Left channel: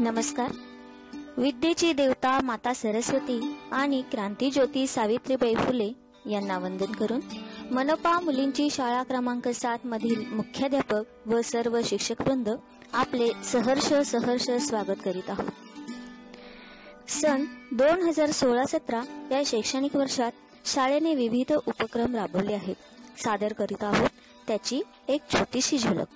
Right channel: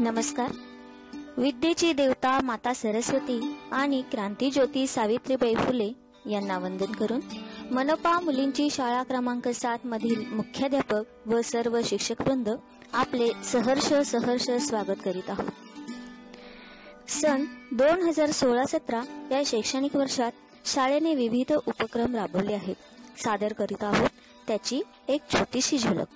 नमस्कार. विद्येची देवता माता सरस्वती आणि क्रांतीज्योती सावित्रीबाई फुले यांना वंदन करून मनपा मुलींची शाळा क्रमांक 7 मधील मुख्याध्यापक व सर्व शिक्षकवृंद आपले सहर्ष स्वागत करीत आहोत. सन 2016-17 या शैक्षणिक वर्षात शाळेने विविध उपक्रम राबवले आहेत. सादर करीत आहोत त्याची एक छोटीशी झलक.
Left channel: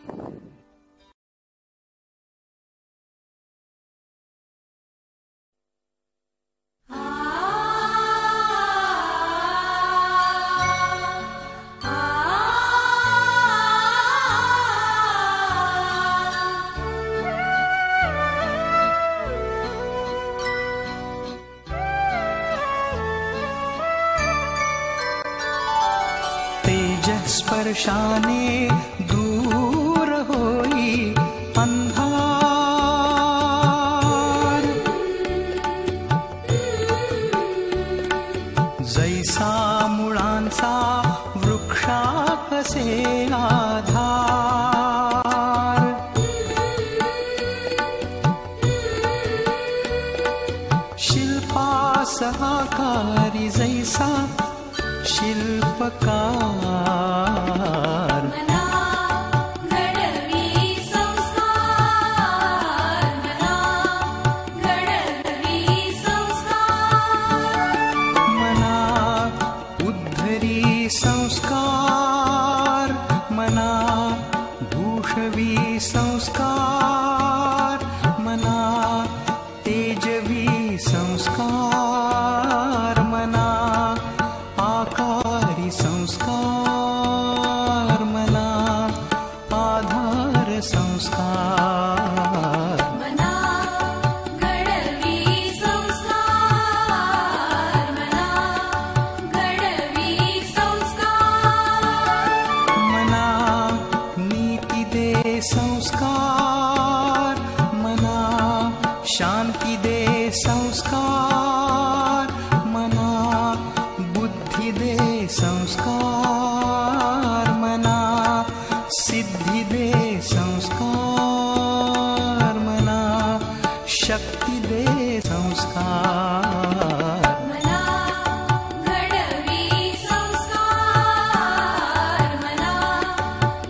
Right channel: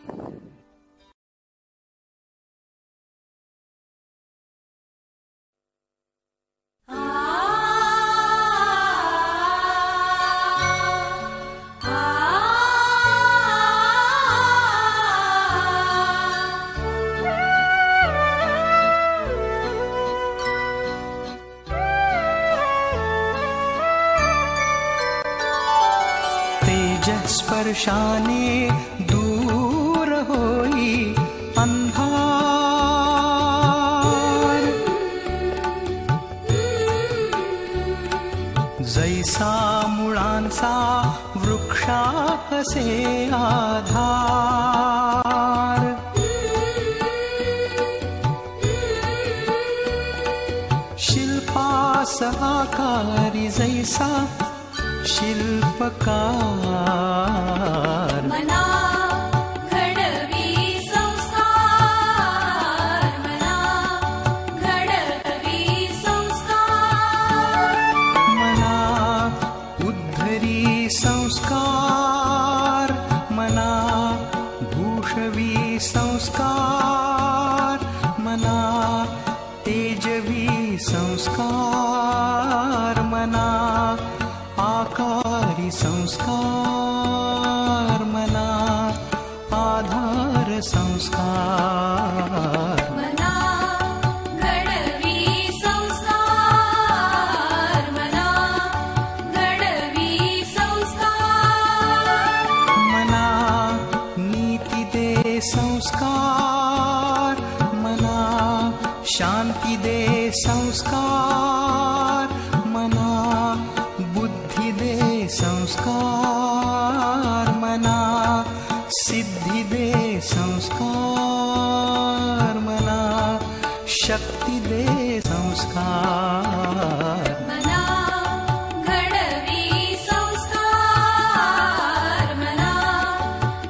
स्पर्शाने दूर होई अंधार, जैसा मुळांचा वृक्षासे आधार, शिल्पास आकारी जैसा शिल्पकार, मना घडवी संस्कार, मना घडवी संस्कार, मना उद्धरी संस्कार, मना भूषवी संस्कार, मना तेजवी संस्कार, मना आकारी संस्कार, मना आधार संस्कार, मना घडवी संस्कार, मना घडवी संस्कार, मना नीती दे संस्कार, मना शांती दे संस्कार, मना बुद्धि दे संस्कार, मना सिद्धि दे संस्कार, मना शक्ति दे संस्कार, मना घडवी संस्कार, मना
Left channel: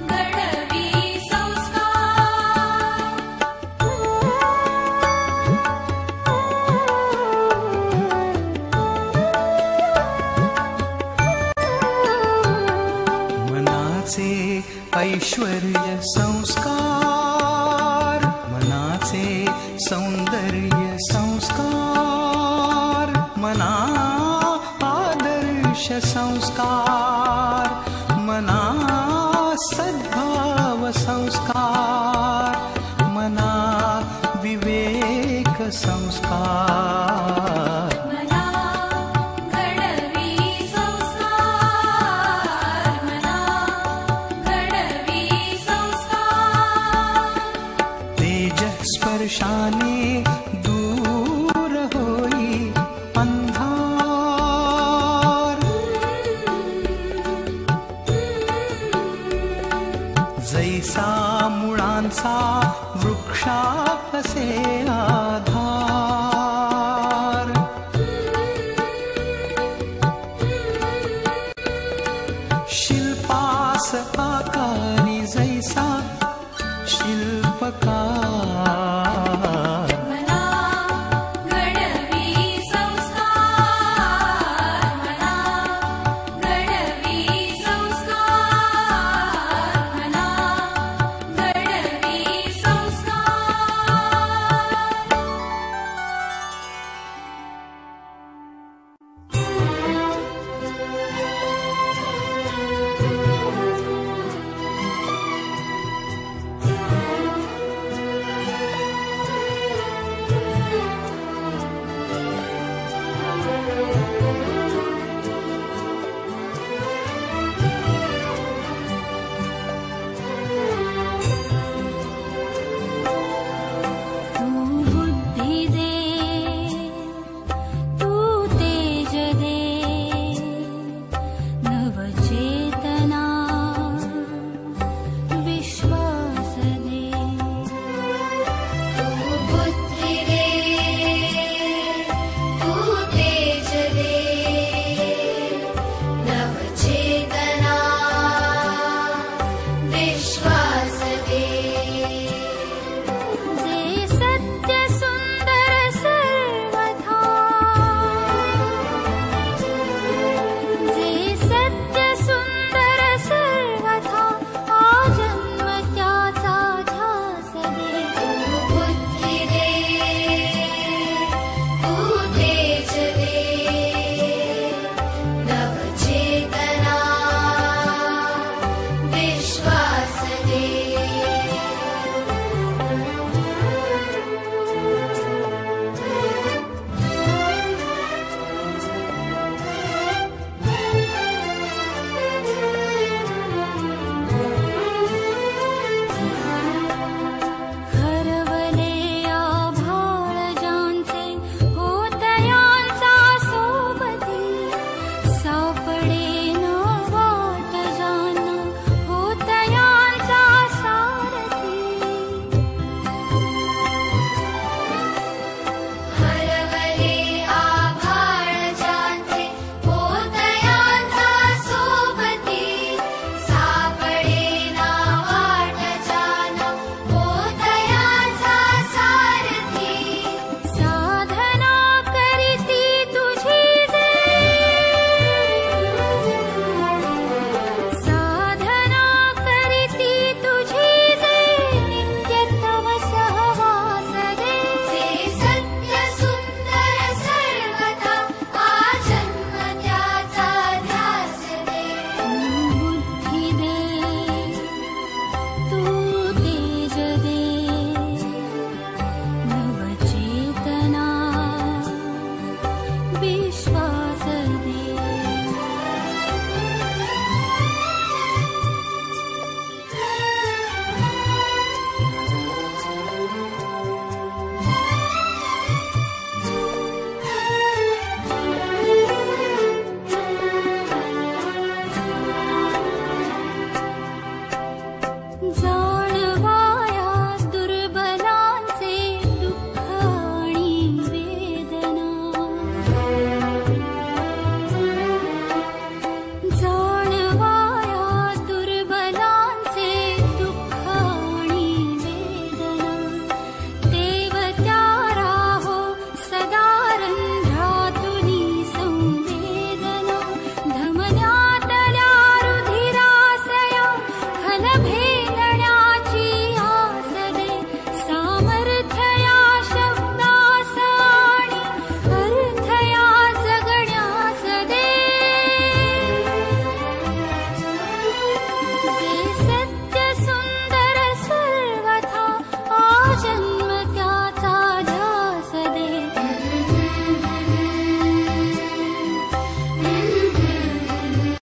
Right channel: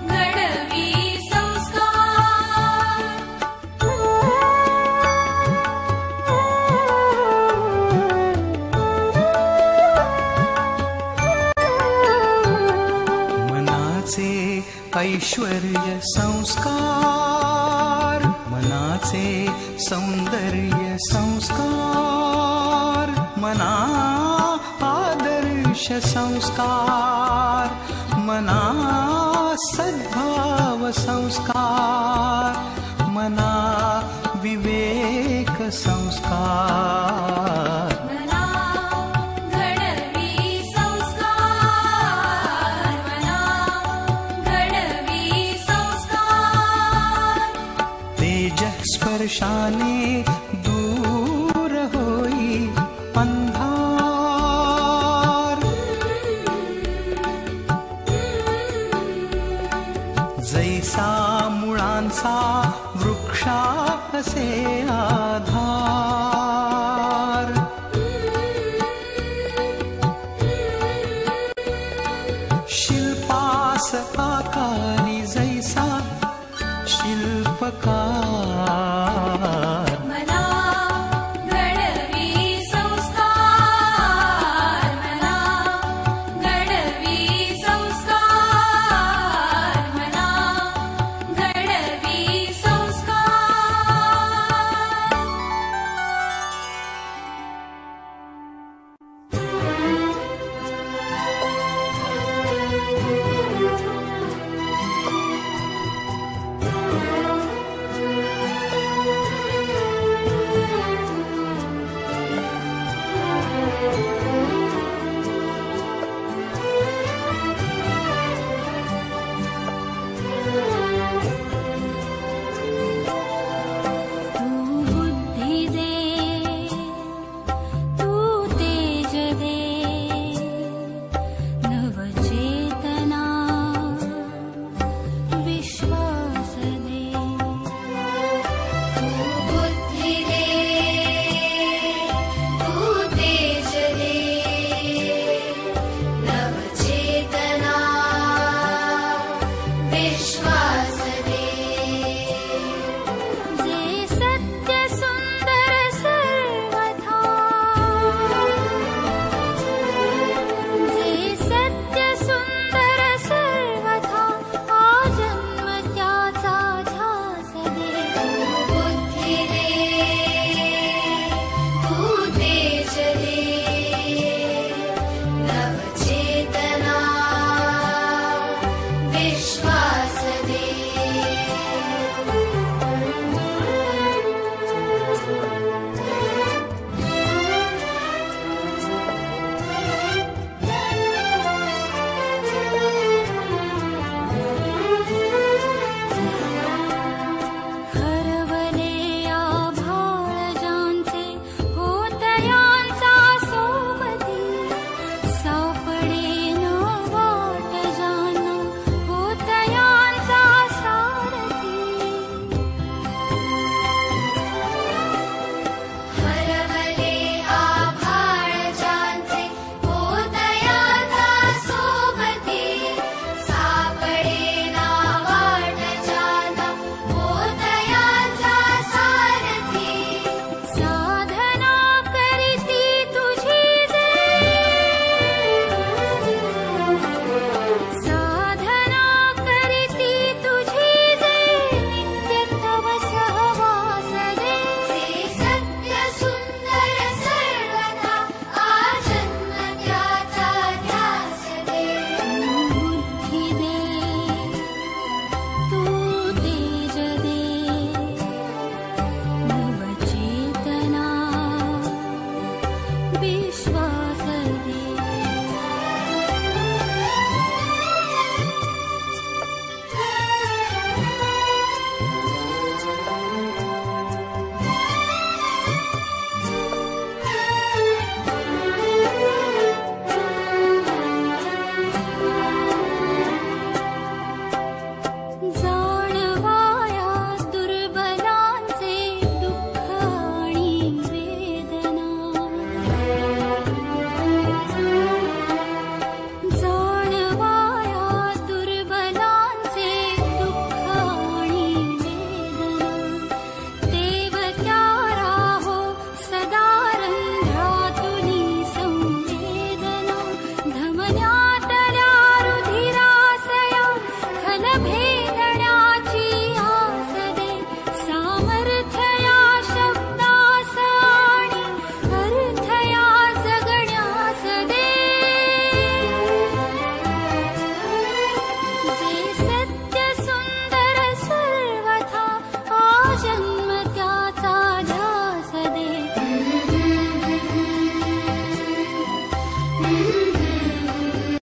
घडवी संस्कार. ऐश्वर्य संस्कार, मनाचे सौंदर्य संस्कार, मना आदर्श संस्कार, मना सद्भाव संस्कार, मना विवेक संस्कार, स्पर्शाने दूर होई अंधार, जैसा मुळांचा वृक्षासे आधार, शिल्पास आकारी जैसा शिल्पकार,